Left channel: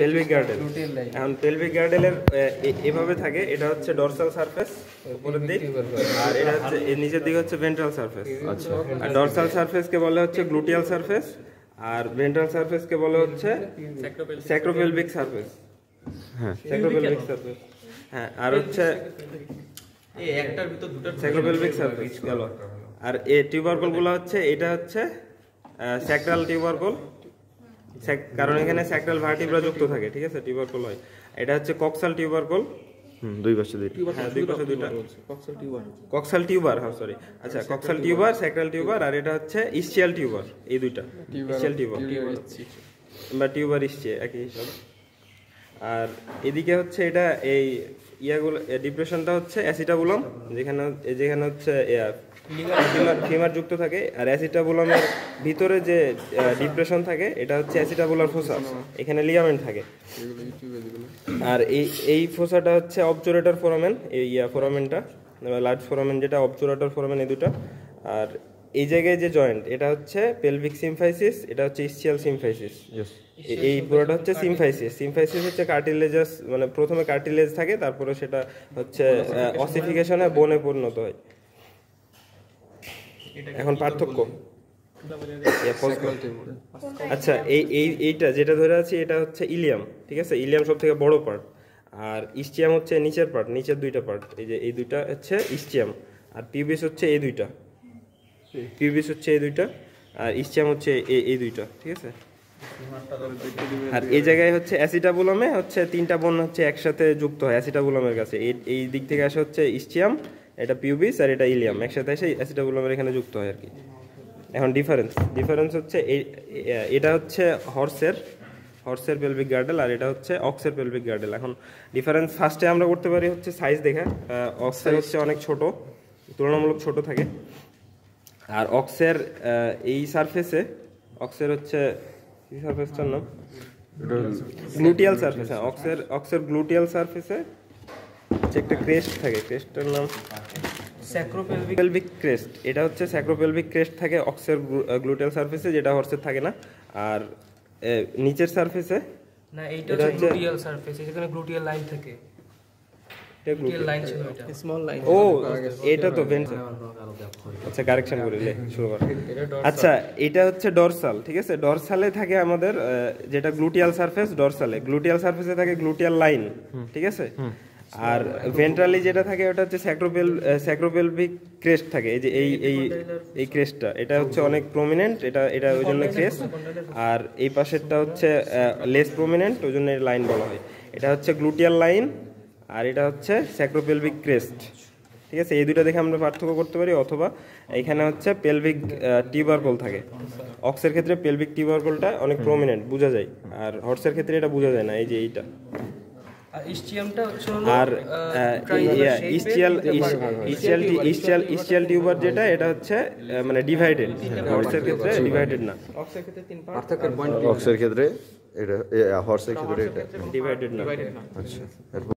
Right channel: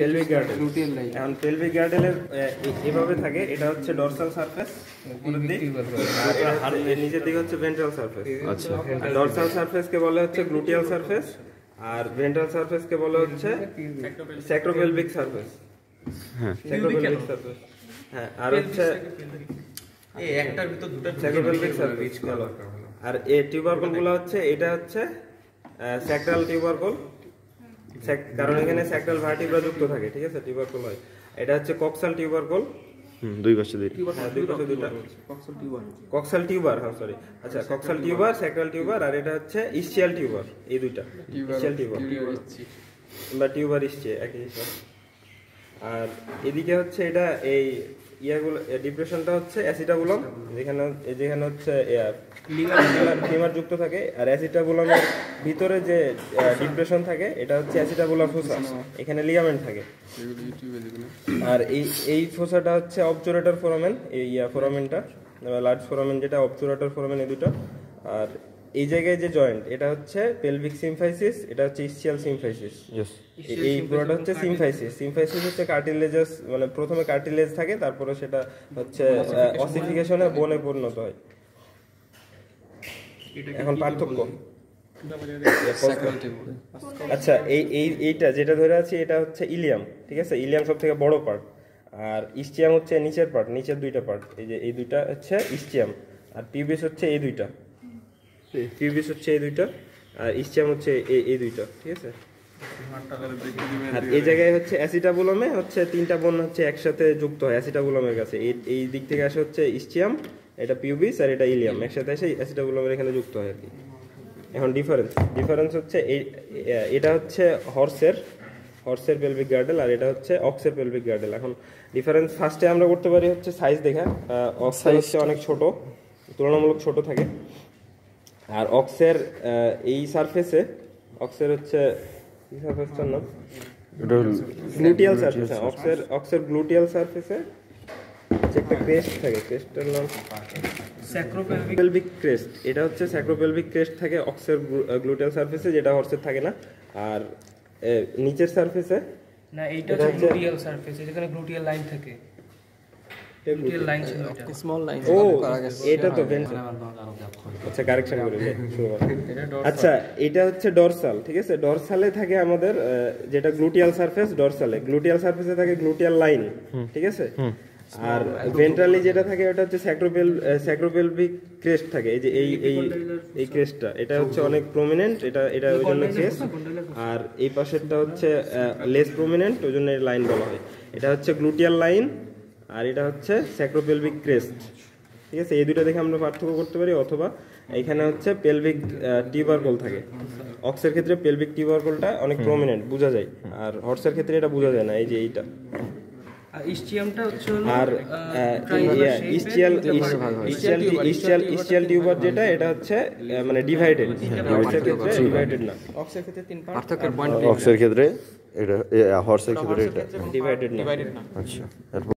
Pelvic girdle. এখন pelvic গার্ডেলের এভাবে থাকে, এটা হচ্ছে ডরসাল সারফেস উপরের দিক, আর এটা হচ্ছে এর নিচের দিকে হচ্ছে ভেন্ট্রাল সারফেস। আচ্ছা, ডরসাল সারফেস কে বলা হচ্ছে গ্লুটিয়াল সারফেস, আর ভেন্ট্রাল সারফেস কে বলা হচ্ছে স্যাক্রোপেলভিক সারফেস। হ্যাঁ, স্যাক্রোপেলভিক সারফেস। হ্যাঁ, আর হচ্ছে এই একটার ভিতর দুটো স্যাক্রোপেলভিক সারফেস গেল। আর এই টিউবারকল গুলো হচ্ছে, এটা হচ্ছে স্যাক্রাল টিউবারকল, কারণ এখানে স্যাক্রাল ভার্টিব্রা যুক্ত থাকে, ঠিক আছে, টিউবারকল হয়। এটা হচ্ছে কক্সাল টিউবারকল, দুই পাশে দুইটা, হ্যাঁ দুই পাশে দুইটা কক্সাল টিউবার, হ্যাঁ সরি, আচ্ছা কক্সাল টিউবার, স্যাক্রাল টিউবার, আর এটা হচ্ছে ইসচিয়াল টিউবার, এই দুইটা ইসচিয়াল টিউবার বা টিউবার ইসচিয়া একই হিসাব। আর এদিকে হচ্ছে এটা এই ইয়াগুলো ডিপ্রেশনটা হচ্ছে অ্যাসিটাবুলাম, যেখানে হচ্ছে ফিমার যুক্ত থাকে, আর অ্যাসিটাবুলামের ভিতরে যে ডিপ্রেশন থাকে এটা হচ্ছে অ্যাসিটাবুলার ফোসা, এখানে লিগামেন্ট থাকে। আর এই ফোসাটা হচ্ছে অবচুরেটর ফোরামেন, এই ফোরামেনটা লার্জ ফোরামেন যেটা অবচুরেটর ফোরামেন, এই দুটো। আর এই জায়গায় যে জয়েন্ট, এটা হচ্ছে পেলভিক সিমফাইসিস, এটা হচ্ছে ইসচিয়াল সিমফাইসিস। এই পুরোটা হচ্ছে সিমফাইসিস। সিমফাইসিস হচ্ছে কার্টিলেজাস, মানে প্রথমে কার্টিলেজ থাকে, তারপরে সেটা হচ্ছে অসিফিকেশনে বোনে পরিণত হয়। এখন পার্থক্য, আচ্ছা এইটা যেটা ধরে আছি এটা হচ্ছে ইলিয়াম, ঠিক আছে, ইলিয়াম সব থেকে বড় পার্ট, আর ইস্টিয়াম হচ্ছে নিচের পার্ট, নিচের দুইটা পার্ট, এই যে এই দুইটা হচ্ছে ইস্টিয়াম, আর পিউবিস হচ্ছে এই দুইটা, পিউবিস হচ্ছে এই দুইটা, আর ইস্টিয়াম হচ্ছে এই দুইটা, ঠিক আছে। আর এই জায়গায় হচ্ছে অ্যাসিটাবুলামে হচ্ছে তিনটা বর্ণ হচ্ছে একসাথে যুক্ত হয় অ্যাসিটাবুলামের কাছে, এই দিক থেকে আসে হচ্ছে ইস্টিয়াম, এটা পিউবিস, আর এটা ইলিয়াম, একসাথে এসে অ্যাসিটাবুলামের এখানে যুক্ত হয় আর কি। এখন ডিফারেন্স হচ্ছে এটা হচ্ছে হর্সের পেলভিক গার্ডেল, আর এটা হচ্ছে অক্সের পেলভিক গার্ডেল। এখন ডিফারেন্স ফার্স্টে আমরা করতে পারি হচ্ছে সাইজ দেখে। অক্সের হচ্ছে অনেক ছোট, তুলনামূলক ছোট থাকে, আর অক্সের এই সারফেসে, অক্সের হচ্ছে কি সারফেসটার নাম, গ্লুটিয়াল সারফেস। অক্সের গ্লুটিয়াল সারফেসে একটা ক্রেস্ট থাকে, ক্রেস্টের নাম স্যাক্রোপেলভিক ক্রেস্ট। এটা হচ্ছে স্যাক্রোপেলভিক ক্রেস্ট থাকে অক্সের গ্লুটিয়াল সারফেসে, যেটা হর্সের থাকে না। আর নিচের সারফেসে না, এইটা হচ্ছে গ্লুটিয়াল সারফেস, এখানে গ্লুটিয়াল লাইন থাকে, গ্লুটিয়াল লাইন ছিল, এটা স্মল লাইন। ও এটা তো ভেন্ট্রাল, আচ্ছা কারেকশন করে লে শুরু। আচ্ছা এটা হচ্ছে ডরসাল, ঠিক আছে, ডরসালে থাকে আমাদের যেটা গ্লুটিয়াল সারফেস, গ্লুটিয়াল সারফেসে থাকে গ্লুটিয়াল লাইন, ঠিক আছে। আর ভেন্ট্রালি যেটা থাকে ওটা হচ্ছে স্যাক্রোপেলভিক ক্রেস্ট থাকে, এই যে এই ক্রেস্টটা, এটা হচ্ছে অনেক প্রমিনেন্ট, এটা ওই জন্য ক্রেস্ট। আর এই পাশেরটা হচ্ছে লেস প্রমিনেন্ট, ওই জন্য এর লাইন বলা হয়। এটা হচ্ছে গ্লুটিয়াল লাইন, আর এটা হচ্ছে স্যাক্রোপেলভিক ক্রেস্ট, ঠিক আছে। এই দুটো দেখে আমরা পার্থক্য করতে পারি। অথবা এখানে হচ্ছে পেলভিক টিউবারকল থাকে, অক্সের ক্ষেত্রে পেলভিক টিউবারকলটা অনেক প্রমিনেন্ট বোঝা যায়, আর হর্সের ক্ষেত্রে এটা বোঝা যায় না, এই যে এইটা। আর ইস্টিয়ামটা আর ইস্টিয়াল টিউবার যেটা, এটা হচ্ছে মানে ডিভাইডেড, হর্সের ক্ষেত্রে ডিভাইডেড না, অক্সের ক্ষেত্রে তিন পার্ট, অক্সের ক্ষেত্রে এটা, হর্সের ক্ষেত্রে এটা ডিভাইডেড না। আচ্ছা।